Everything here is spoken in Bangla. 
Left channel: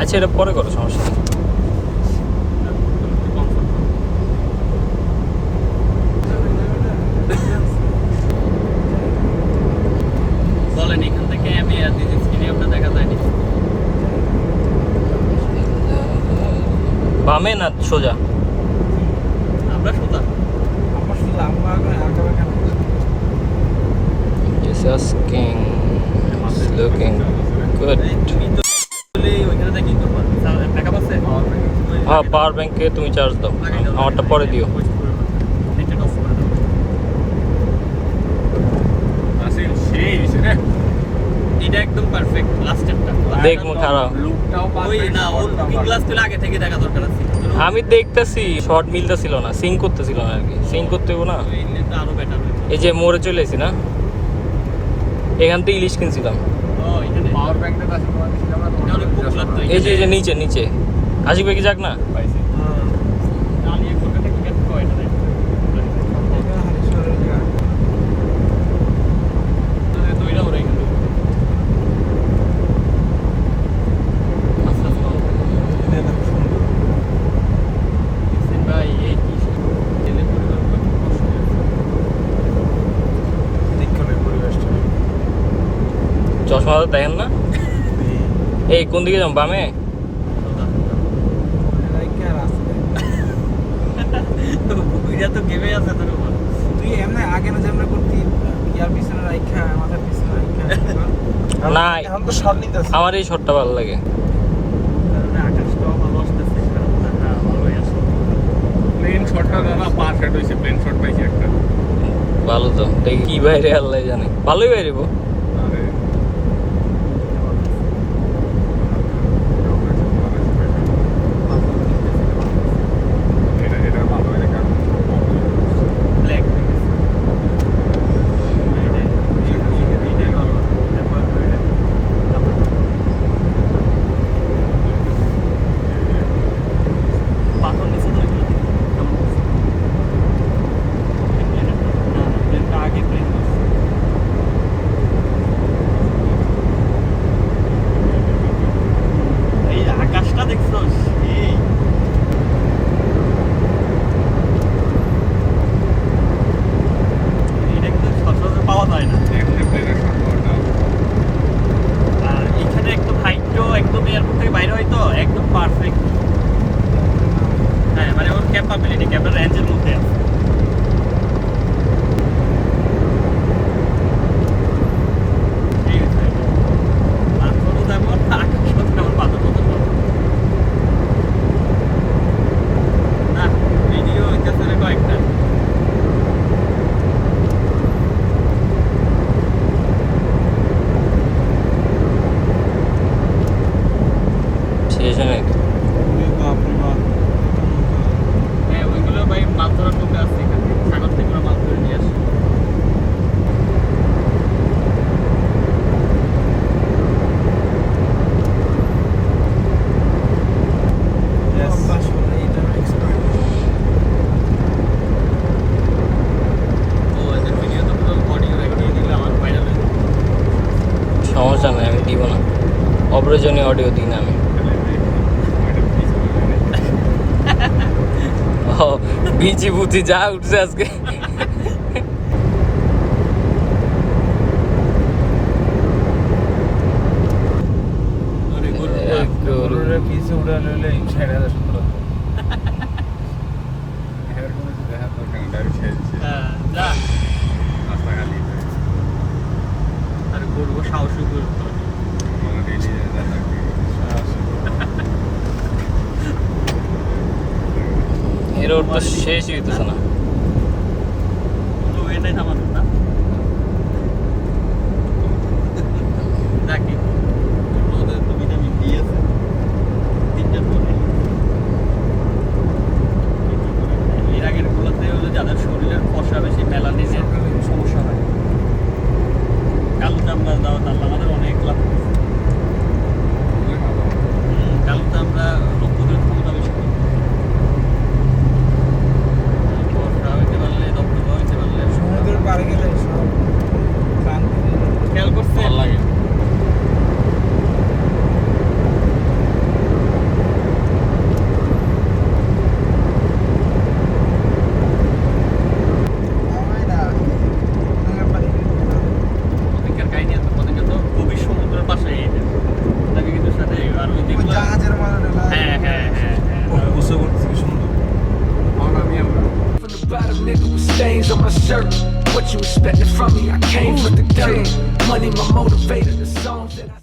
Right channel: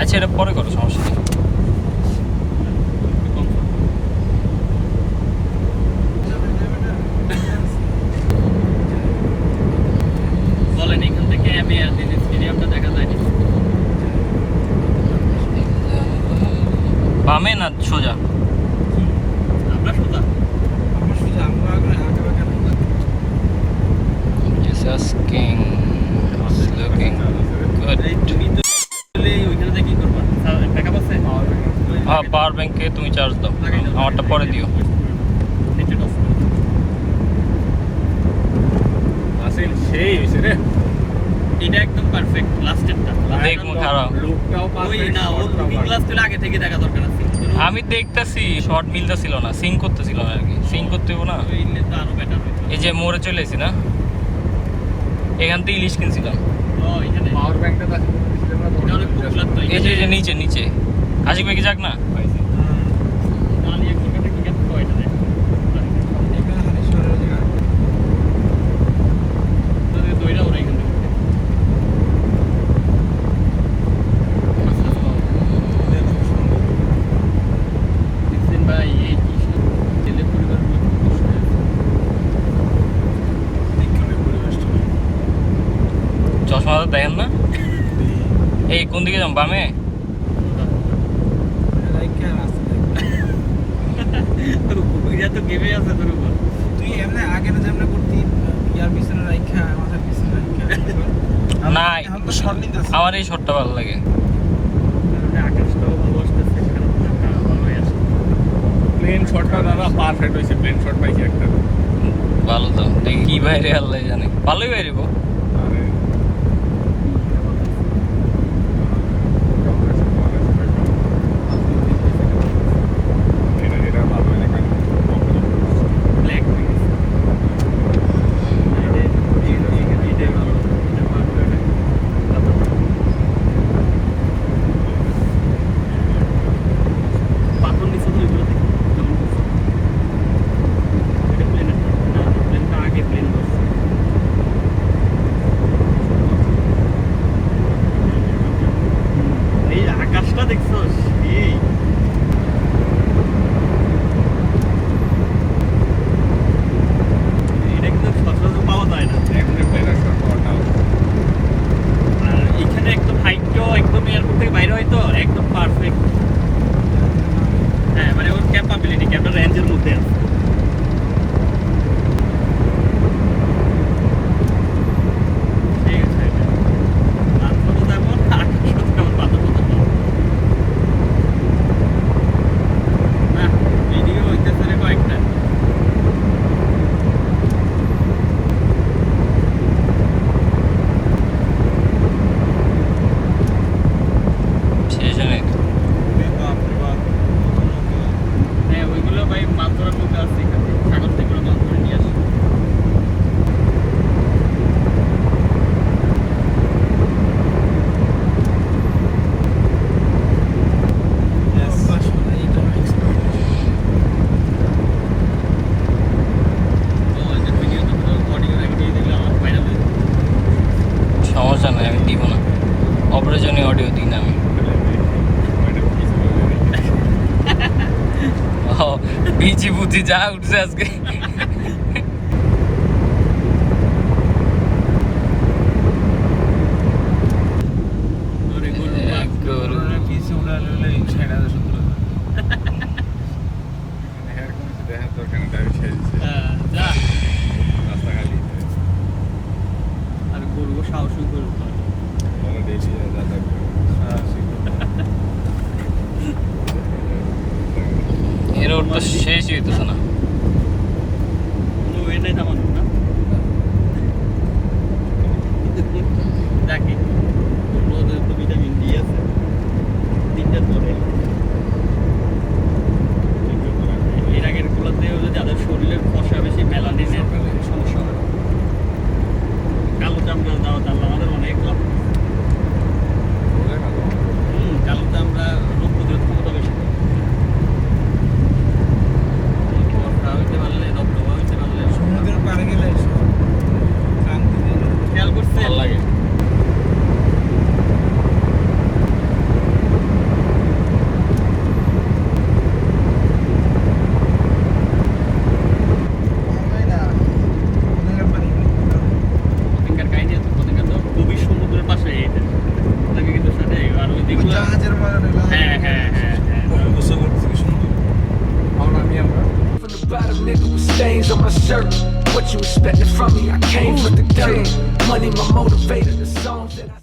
আচ্ছা এটা পরে করো, সমস্যা নেই। বলেন এখান থেকে আমি স্টেডিয়ামটা দেখা যায়নি। বামে না সোজা? আমরা সোজা। Jesus King is looking good. হ্যাঁ, পাওয়ার ব্যাংকে তুমি চার্জ দাও, আমারটা পরে দিও। আসেন সেই রে, এটা একদম পারফেক্ট লাস্টেরটা। দেখমু খারাপ লুকটাও ওই না, ওর কুকিং ক্লাস তো আগে থেকে দেখা দরকার আছে। আমি দেখতেছি শর্ট মিলতেছিল না, সিং করতেছিল না আর কি। সিং করতে হইব না। ওই ইনলে তো আরো বেটার হবে। এই যে মোড়ে চলে এসেছি না, এখান থেকে ইলিশ কিনছিলাম। ও এখানে পাওয়ার ব্যাংকটা আছে তোমার কাছে, আমরা এই যে নিচে নিচে আশিক ভাই কি যাক না? পাইছি। দাঁড়িয়ে কোটাতে কি করতে হয় না রে। দইরা ওরা এখানে মাসলা খাওয়া দেখছেন ভাই, এই কি তেলে পরিবারগুলো খুব কষ্ট হয়ে যাচ্ছে। চশমা তো দেখেন না? এই কোন দিকে যাম, বামে? তো বুইরা তো গেমে আছে তোর উপর। তুই এমনি আগে না যেমন করতি ইয়ার পিছনে রাখা আমাদের পিছনে রাখা না, এখন তো শর্ট নিতেছে। আমার এই শটটা ভালো লাগে। কারণে আকাশটাও ভালো আসতেছে, সেখানে ভালোই আসে। প্লেন শটটা দাদা পারফেক্ট হয়েছে, প্লেন শট পাইছি একটা। ভালো তো, দেখি কি বাইরে আল্লাহ জানে, ভালোই বাইরে। আরে এটা এটা ভালো হয় না, কারণ ব্ল্যাক পাথর নিচে তো ওইগুলো দেখি কেমন না, প্লেনটা আগে প্লেন করছে। এই আকাশটা দেখছো, এই এটা কিন্তু সচরাচর পাওয়া যায় না। একটা প্লেনের শট পাওয়াটা আর এইখানে একদম হাইটটাও একদম এয়ারপোর্ট থেকে বাইরে হয় তো একদম পারফেক্ট। হ্যাঁ মানে ওর ক্যাপাবিলিটি, ক্যাপার রেঞ্জের মধ্যে আছে। পাথরও তেমন, আকাশও তেমন, পাথরও তেমন। না ভিডিও হইতেছে রে কয়েকটা। শেষ নেই হ্যাঁ ওইগুলো ভাই মাছ ধরার মধ্যে আছে, সাগর থেকে ওরা মাছ ধরে নিয়ে আসে। ও এদের ভিডিও তো অডিও রেকর্ড দিলে আমার ফাইনাল হয়ে যাবে। সমস্যা নেই, আমি দিব না। অপ্রয়োজনীয় অডিও দিই না আমি। ও বিচি বুচি যা উঠছে আজকে। অনেক গরু পিছে উড়ে লইলে ছেড়ে দেয় সুন্দর। দেখার দরকার নেই, ডাইরেক্ট ছেড়ে দিচ্ছে যা রাস্তা খালি। আর করবো সাহসী করবো বলো ডেইলি যাতায়াত এর ওর তো শেষই হইতেছে না। কোনো ওয়ে নেই থামানোর না। যাকে রোদের তো ভিটামিন ডি আছে, 3টার পর হলো। এর আগের গুলোতে হলো যাদের শরীরের ফসা বেশি, মেলানিনের সমস্যা হয়। কালো চামড়া দেওয়া তার আমাদের অনেক লাভ করছে। কালো চামড়া রোগ প্রতিরোধ ক্ষমতা বেশি। বুঝতে পারছি কি সুন্দর। আমার আমি আমরা From the bottom, nigga, with stains on my shirt. What you expecting from me? I came from the dirt. Money, my motivator, the songs that I